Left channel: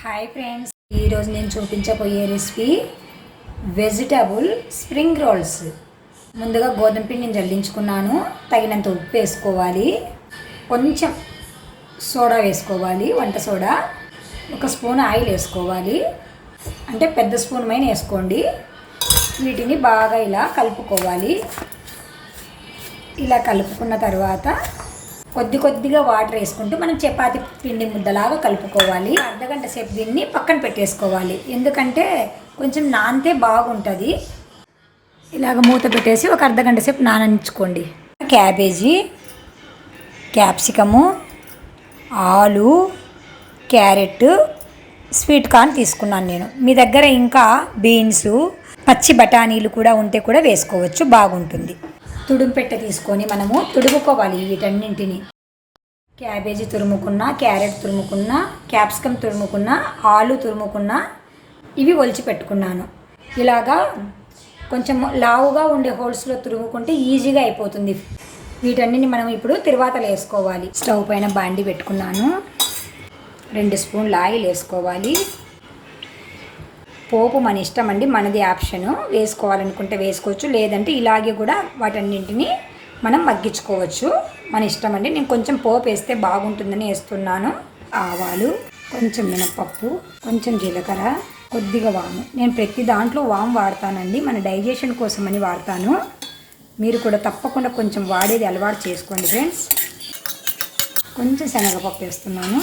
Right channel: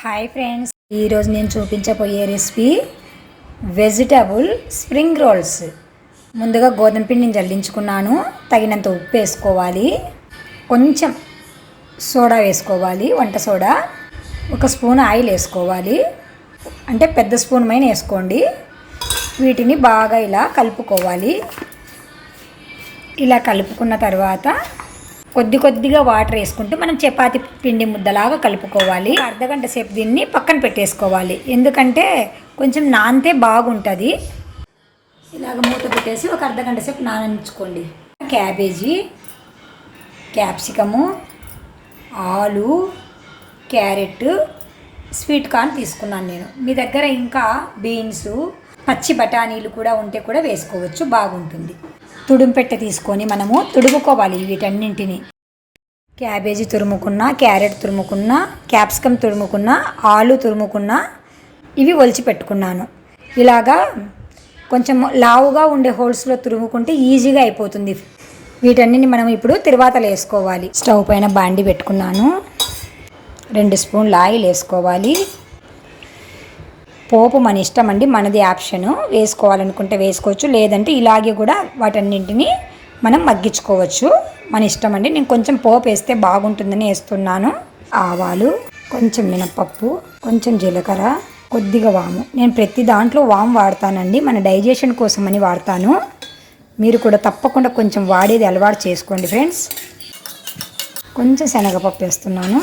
Hi friends, ఈరోజు నేను చూపించబోయే రెసిపీ వెజిటబుల్ స్ప్రింగ్ రోల్స్. ముందుగా గోధుమ పిండిని జల్లించుకున్నాను. తగినంత ఉప్పు వేసుకోవాలి, కొంచెం సోడా వేసుకోవాలి, వంట సోడా, 1 స్పూన్ ఆయిల్ వేసుకోవాలి, అంటే పెద్ద స్పూన్ మైన వేసుకోండి. వీటిని బాగా ఇలా కలుపుకోవాలి. ఇలా కలుపుకున్న తర్వాత కొద్దిగా వాటర్ వేసుకుంటూ మనం చపాతీ పిండి ముద్దలాగా కలుపుకోవాలి. అర్ధగంట సేపు దీన్ని పక్కన పెట్టేసుకోవాలి, ఎందుకంటే కొంచెం నానితే బాగుంటుంది. ఇలాగ మూత పెట్టేసి ఒక అర్ధగంట సేపు నాననించుకోండి. క్యాబేజీ, క్యాప్సికము, ఆలు, క్యారెట్, స్వీట్ కార్న్ తీసుకున్నాను నేను. మీ దగ్గర ఇంకా బీన్స్, పచ్చి బఠానీలు కూడా ఉంటే కూడా వేసుకోవచ్చు, బాగుంటుంది. తుడుంపెట్ట తీసుకొని మనము తుడుముకోవాలి వీటన్నింటిని. క్యాబేజీ తురుముకున్న, క్యారెట్ తురుముకున్న, క్యాప్సికమ్ తురుముకున్న, ఆలు తురుముకున్న, ఇవి ఒలిచి పెట్టుకున్నాను. ఇలాగా కొంచెం లావుగా ఉండే హోల్స్లో తురుముకుంటే ఈజీగా అయిపోతుంది. వీటన్నిటిని మనం ఇప్పుడు తిరువాతలు వేసుకోవాలి. స్టవ్ పైన బాండి పెట్టుకున్నాను. 2 స్పూన్ల ఆయిల్ వేసుకోవాలి. పోపు మన ఇష్టం అండి, మనది ఆప్షను. వేసుకోవాలనుకుంటే వేసుకోవచ్చు, లేదంటే ఇలాగే కూడా వాటన్నింటినీ మనం మగ్గించుకోవచ్చు, మన ఇష్టం అండి. నేను కొంచెం పోపు వేస్తే బాగుంటుందని వేస్తున్నాను. ఆవాలు, కొంచెం మినపప్పు, కొంచెం జీలకర్ర, కొద్దిగా వాము. నేను ప్రతి దాంట్లో వాము వాడతానండి, మన డైజెషన్ కోసమని వాడతాను. మీరు కూడా తప్పకుండా కొంచెం వాడేది అలవాటు చేసుకోండి ఫ్రెండ్స్. కొంచెం శనగపప్పు వేస్తున్నాను.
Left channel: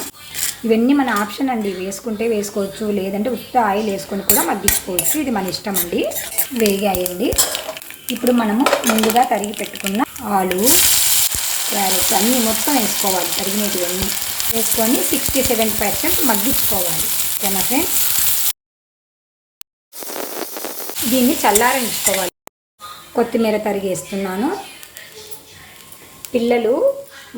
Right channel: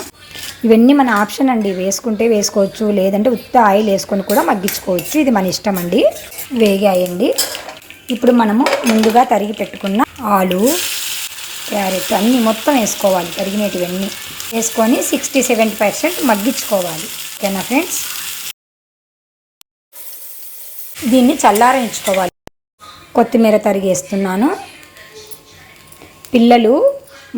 ఇవన్నీ మన ఆప్షన్ అండి, వేసుకుంటే వేసుకోవచ్చు, లేదంటే ఉత్త ఆయిల్ వేసుకొని కూడా మగ్గించుకోవచ్చు, ఇది మన ఇష్టం అండి. వేగాయండి. ఇప్పుడు మనము ముందుగా తరిగి పెట్టుకున్న ఆలు, క్యారెట్ అన్నీ మొత్తం వేసుకోవాలి. తరిగినటువన్నీ వేసుకొని 60-70% మగ్గించుకోవాలి. ఓకేనా ఫ్రెండ్స్? దీన్ని చల్లారించుకోవాలి. కొత్తిమీర తరిగేస్తున్నాను. పిల్లలు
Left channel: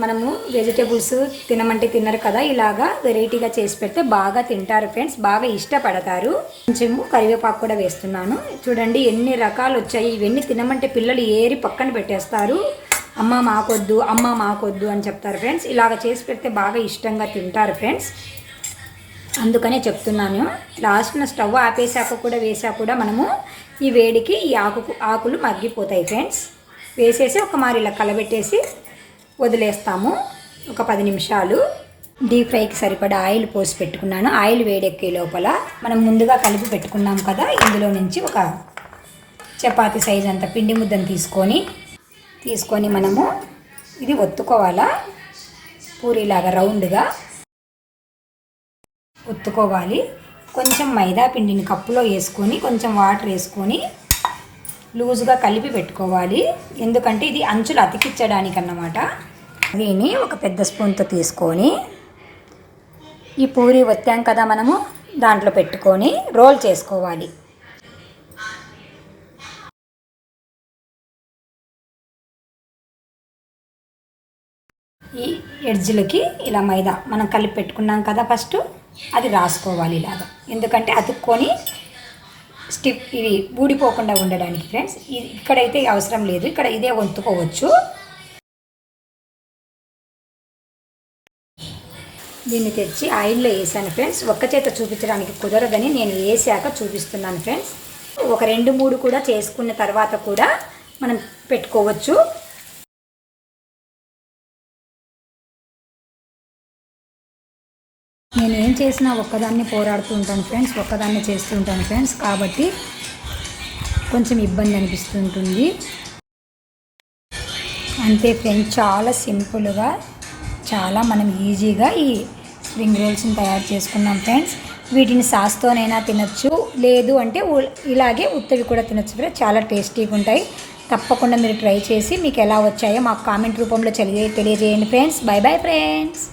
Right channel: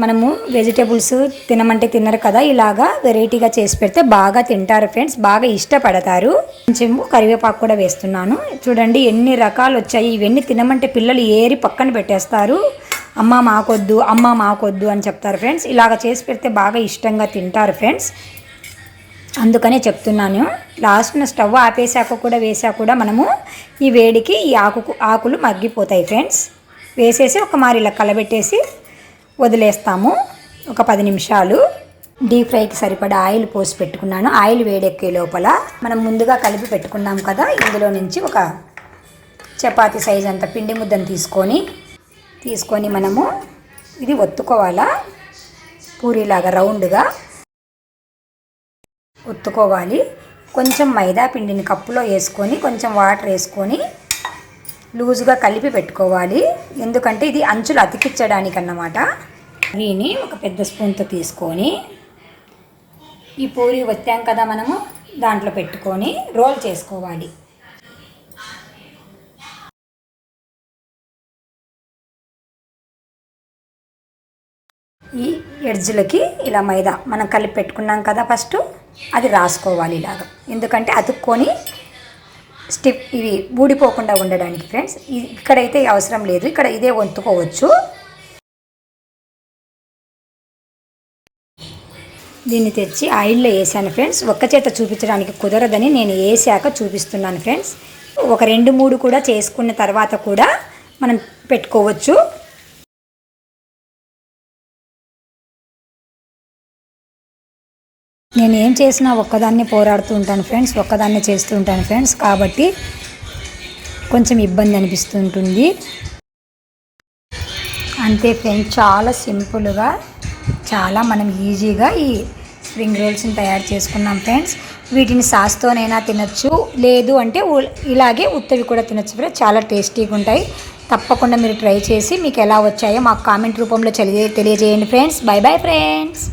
మనము వెజిటేబుల్స్ తినమంటే తినరు కదా, ఇలాగా వెరైటీగా చేసి పెడితే బాగా తింటారు ఫ్రెండ్స్, బాగా ఇష్టపడతారు. కొంచెం కరివేపాకు కూడా వేస్తున్నాను. చూడండి ఎన్ని రకాలు వచ్చాయి. ఇవన్నీ తినమంటే పిల్లలు ఏరి పక్కన పెట్టేస్తారు. అమ్మ మాకొద్దు అని చెప్తారు ఫ్రెండ్స్. ఇలాగ చేసి పెడితే బాగా ఇష్టంగా తింటారు ఫ్రెండ్స్, అందుకనే చెప్తున్నాను. లాస్ట్న స్టవ్ ఆపేసాక కూడా వేసాక కూడా మనము ఈ వేడికి ఈ ఆకులు మగ్గిపోతాయి ఫ్రెండ్స్. వేసేసి ఒక మారి ఇలా కలబెట్టేసి వదిలేస్తాము ఒక 10 నిమిషాలు. డీప్ ఫ్రైకి సరిపడా ఆయిల్ పోసి పెట్టుకున్నాను. ఆయిల్ వేడెక్కే లోపల మనం ముందుగా కలిపి పెట్టుకున్నాం కదా, ఇందులో నుంచి ఒక చపాతీ సైజ్ అంత పిండి ముద్దను తీసుకొని మనము ఇది ఒత్తుకోవాలా, పూరీలాగా రౌండ్గా ఒత్తుకోవాలి. కొంచెం మైదా పిండిని కప్పులో వేసుకొని కొంచెం వాటర్ వేసుకొని లూజుగా కలిపి పెట్టుకోవాలి, ఎందుకంటే ఇది అంచులు అతికించడానికి అన్నమాట. దీన్ని ఒక పెద్ద స్పూన్తో తీసుకొని ఈ పూరి ఒత్తాం కదా మనము, దాంట్లో పెట్టుకొని రోల్ చేసుకోవాలి. ఈ ఎడ్జ్లకి ఇలా మైదా మనం కలిపి పెట్టుకున్నాం కదా ఫస్ట్, అది రాసుకోవాలి ఇలాగా, ఎందుకంటే అతుక్కొని స్టిప్ ఇవి ఊడిపోకుండా ఉండడానికి ఫ్రెండ్స్. ఇక్కడైతే అవసరం లేదు, ఇక్కడ ఇదే వంతుకోవచ్చు. దీన్ని తెచ్చి ఆయిల్లో వేసాను ఫ్రెండ్స్. ఒక్క చేత చూపించడానికి కుదరదని నేను వేసాక చూపిస్తున్నాను ఫ్రెండ్స్. ఒక 2-3 కూడా చేసుకున్న తర్వాత కూడా మనం పెట్టుకోవచ్చు. నేను ఏం చేసినా ఒక్కదాన్నే పోరాడుతూ ఉంటాను ఫ్రెండ్స్, ఒక్కదాన్నే చేస్తూ ఉంటాను ఫ్రెండ్స్, కాబట్టి కొంచెం ఇబ్బంది అనిపిస్తూ ఉంటుంది. అంతే ఫ్రెండ్స్, చాలా సింపుల్గా చాలా మనం ఈజీగా ఈ స్ప్రింగ్ రోల్స్ని తయారు చేసుకున్నాం ఫ్రెండ్స్. వీటిని సాస్తోనైనా తినచ్చు, లేదు అంటే ఇలాగే ఉత్తవి కూడా తినచ్చు ఫ్రెండ్స్. చాలా టేస్టీగా ఉంటాయి. తప్పకుండా మీరు ట్రై చేసి మీకు ఎలా వచ్చాయో మాకు కామెంట్ రూపంలో తెలియజేయండి ఫ్రెండ్స్. By bye friends.